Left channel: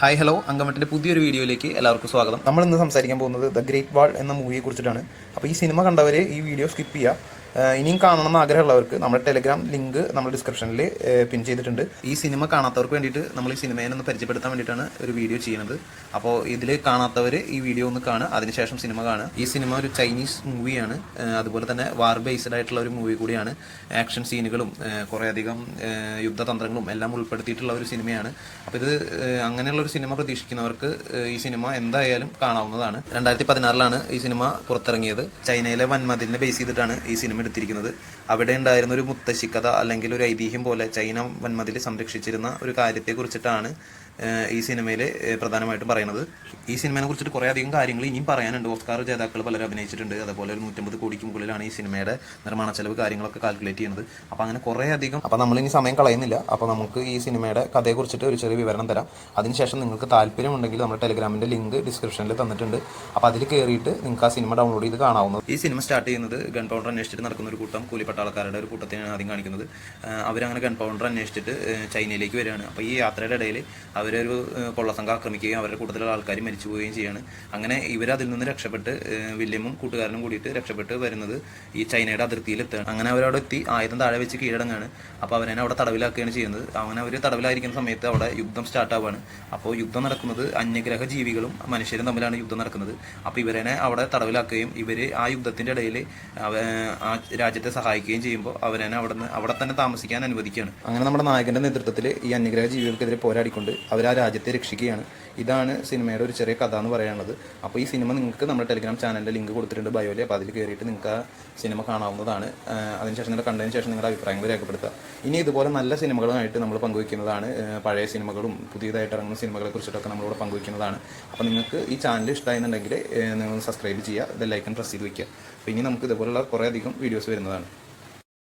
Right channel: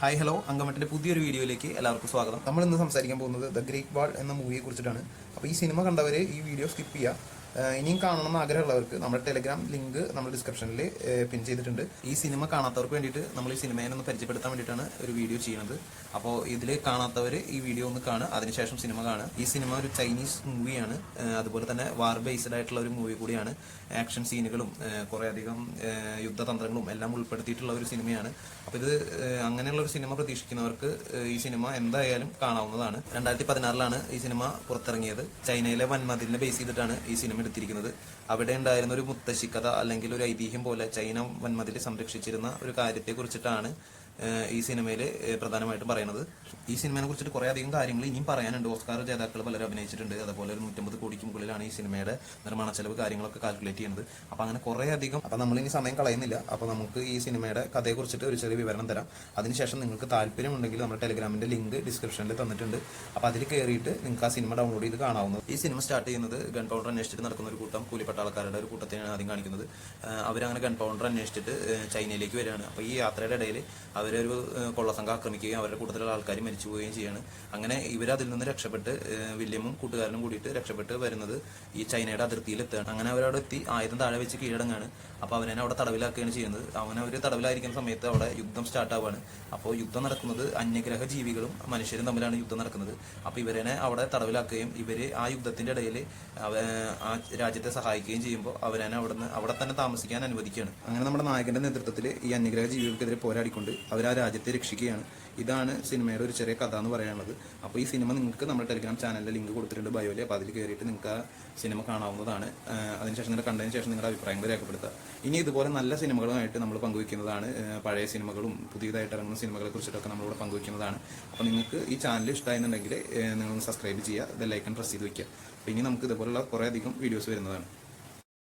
Hi hello അങ്കമട്ടിൻ്റെ പുതിയൊരു വീഡിയോയിലേക്ക് എല്ലാവർക്കും സ്വാഗതം. നമ്മൾ ഇന്ന് സംസാരിക്കാൻ പോകുന്നത് ദ ഗ്രേറ്റ് വാൾ എന്ന മൂവിയെ കുറിച്ചിട്ടാണ്. അപ്പോൾ ഈ സിനിമ കണ്ടവർ ഈ വീഡിയോ സ്കിപ്പ് ചെയ്യുക. ഇനിയും കാണണമെന്ന് ആഗ്രഹമുള്ളവർക്ക് നമ്മുടെ ടെലിഗ്രാം ലിങ്ക് നമ്മൾ ഡിസ്ക്രിപ്ഷനിൽ പിൻ ചെയ്തിട്ടുണ്ട്. ഈ സിനിമ കാണാത്തവർക്ക് വേണ്ടിയിട്ട് നമ്മൾ ഈ സിനിമയെ ഒന്ന് പരിചയപ്പെടുത്താൻ വേണ്ടിയിട്ടാണ് ഒരു വീഡിയോ ചെയ്യുന്നത്. അപ്പോൾ ഇതിൽ കാണാത്തവർ ഈ വീഡിയോ ഒന്ന് കാണുക, അതിനുശേഷം സിനിമ കാണുക. ഈ സിനിമ ഒരു ചൈനീസ് മൂവിയാണ്, അതുപോലെ തന്നെ വാർ ബേസ്ഡ് ആയിട്ടുള്ള ഒരു മൂവി കൂടിയാണ്. ആക്ഷൻ സീനുകളും കുറേയധികം യുദ്ധതന്ത്രങ്ങളും എല്ലാം ഉൾപ്പെടുത്തിയിട്ടുള്ള ഒരു സിനിമയാണ്. അപ്പോൾ ഇത് അങ്ങനെയുള്ള ഒരു സിനിമ പ്രതീക്ഷിക്കുന്നവർക്ക് ഈ സിനിമ എന്തായാലും കാണാവുന്നതാണ്. 2016 ഈ സിനിമ പുറത്തിറങ്ങിയത്. ചൈനയിലെ വൻമതിലിനെ ബേസ് ചെയ്തിട്ടാണ് ഈ സിനിമ എടുത്തിരിക്കുന്നത്. അവിടെ ഉണ്ടായിരുന്ന ഒരു മുത്തശ്ശിക്കഥ അല്ലെങ്കിൽ ഒരു ഐതിഹ്യം പോലെ ചൈന വൻമതിൽ സംരക്ഷിച്ചിരുന്ന ഒരു കാര്യത്തെ കുറിച്ചിട്ടാണ് ഈ സിനിമയിൽ പ്രധാനമായിട്ടും പറയുന്നത്. ഈ സിനിമയെ കുറിച്ചിട്ട് കുറേ അധികം കാര്യങ്ങൾ ഇനിയും പറയാനുണ്ട്. ഓസ്കാർ ജേതാക്കൾ പലരും അഭിനയിച്ചിട്ടുണ്ട്. അതുപോലെ ഒരു 150 കോടിക്ക് മുകളിലാണ് ഈ സിനിമയുടെ നിർമ്മാണ ചെലവ് കാര്യങ്ങളൊക്കെ കാൽക്കുലേറ്റ് ചെയ്യുന്നത്. അപ്പോൾ അങ്ങനെ കുറേ അധികം. അപ്പോൾ നമ്മളിനി സമയം കളയുന്നില്ല. അപ്പോൾ നമുക്ക് ഈ സിനിമയുടെ കഥയെ കുറിച്ചിട്ട് ഒരു ചെറിയ വിവരണം തരാം. അതിനുശേഷം നിങ്ങൾക്ക് താല്പര്യമുണ്ടെങ്കിൽ നമ്മുടെ ടെലിഗ്രാമിൻ്റെ ലിങ്ക് ഡിസ്ക്രിപ്ഷനിൽ തന്നിട്ടുണ്ട്. അപ്പോൾ അതിൽ കയറിയിട്ട് നിങ്ങൾക്ക് ആ സിനിമ ഡൗൺലോഡ് ചെയ്ത് കാണാവുന്നത്. ഈ സിനിമ സ്റ്റാർട്ട് ചെയ്യുന്നത് ഗൺ പൗഡർ അന്വേഷിച്ചിട്ട് നടക്കുന്ന ഒരു കൂട്ടം കൂലിപ്പട്ടാളക്കാരുടെ ഒരു കൂട്ടത്തിനാണ് ആദ്യം കാണിക്കുന്നത്. അവരങ്ങനെ ഗൺ പൗഡർ അന്വേഷിച്ചിട്ട് ചൈനയിലേക്ക് വരികയാണ്. അപ്പോൾ ഈ യാത്രയുടെ ഇടയിൽ അവരൊരു കൊള്ളസംഘം ആക്രമിക്കുകയും അവരുടെ കൂട്ടത്തിലുള്ള ആൾക്കാർ മരിച്ചു പോവുകയും ചെയ്യാണ്. അങ്ങനെ ഇവരതിൽ നിന്ന് രക്ഷപ്പെട്ട് വില്യമും കൂട്ടുകാരനും കൂടിയിട്ട് രക്ഷപ്പെട്ട് വരുന്നത് ഈ ചൈനയുടെ അതിർത്തിയിലെത്തുകയാണ്. അങ്ങനെ അവരവിടെ എത്തി ആയുധം താഴെ വെച്ച് കീഴടങ്ങാണ്. അപ്പോൾ അവരെ അവിടെ തടവിലാക്കുകയാണ് ചെയ്യുന്നത്. അങ്ങനെ അവർ തടവിലായിരിക്കുന്ന സമയത്ത് അവിടെ യുദ്ധം സ്റ്റാർട്ട് ആവുകയാണ്. അപ്പോൾ യുദ്ധം നടക്കുന്നത് അന്യഗ്രഹ ജീവികളും മനുഷ്യരും തമ്മിലാണ് യുദ്ധം നടക്കുന്നത്. അപ്പോൾ ഇവരെ അവിടെ തടവിലാക്കുകയും ഇവർ ആ യുദ്ധത്തിൻ്റെ ഇടയിൽ ആ രാജ്യത്തെ സഹായിക്കുകയും ചെയ്യുമ്പോൾ അവരെ അവിടെ തന്നെ താമസിക്കാൻ അനുവദിക്കുകയാണ്. അങ്ങനെ നമ്മുടെ നായകൻ്റെ നേതൃത്വത്തിൽ ഈ അന്യഗ്രഹ ജീവികൾക്കെതിരെ പോരാടിക്കൊണ്ട് അവർ ആ രാജ്യത്തെ രക്ഷിക്കുകയാണ്. ഇതാണ് സിനിമയുടെ ഒരു ചെറിയ കഥ എന്ന് പറയാനുള്ളത്. അപ്പോൾ ഈ സിനിമ നിങ്ങൾക്ക് നമ്മുടെ ടെലിഗ്രാം ചാനലിൻ്റെ ലിങ്ക് കൊടുത്തിട്ടുണ്ട് ബയോയിൽ. അപ്പോൾ അതിൽ കയറിയിട്ട് നിങ്ങൾക്ക് ആ സിനിമ കാണാവുന്നതാണ്. അതിനുശേഷം നിങ്ങൾ കണ്ടതിന് ശേഷം നിങ്ങളുടെ അഭിപ്രായങ്ങൾ രേഖപ്പെടുത്തുക. ഇനി ഇതുപോലെ നല്ല സിനിമകളുമായിട്ട് നമ്മൾ പങ്കുവയ്ക്കുന്നതാണ്. പഴയ സിനിമകളും പുതിയതായിട്ട് ഇറങ്ങുന്ന സിനിമകളെ കുറിച്ചിട്ടൊക്കെ നമ്മളിവിടെ പങ്കുവയ്ക്കുന്നതാണ്. അപ്പോൾ നിങ്ങൾക്ക് ഈ ചാനൽ ഇഷ്ടമായെന്നുണ്ടെങ്കിൽ നിങ്ങൾ സബ്സ്ക്രൈബ് ചെയ്യുക, ബെൽ ഐക്കൺ പ്രസ് ചെയ്ത് വയ്ക്കുക. അപ്പോൾ ഇനി നമുക്ക് ഇതുപോലുള്ള കുറേ അധികം വീഡിയോസ് വരുന്നതാണ്.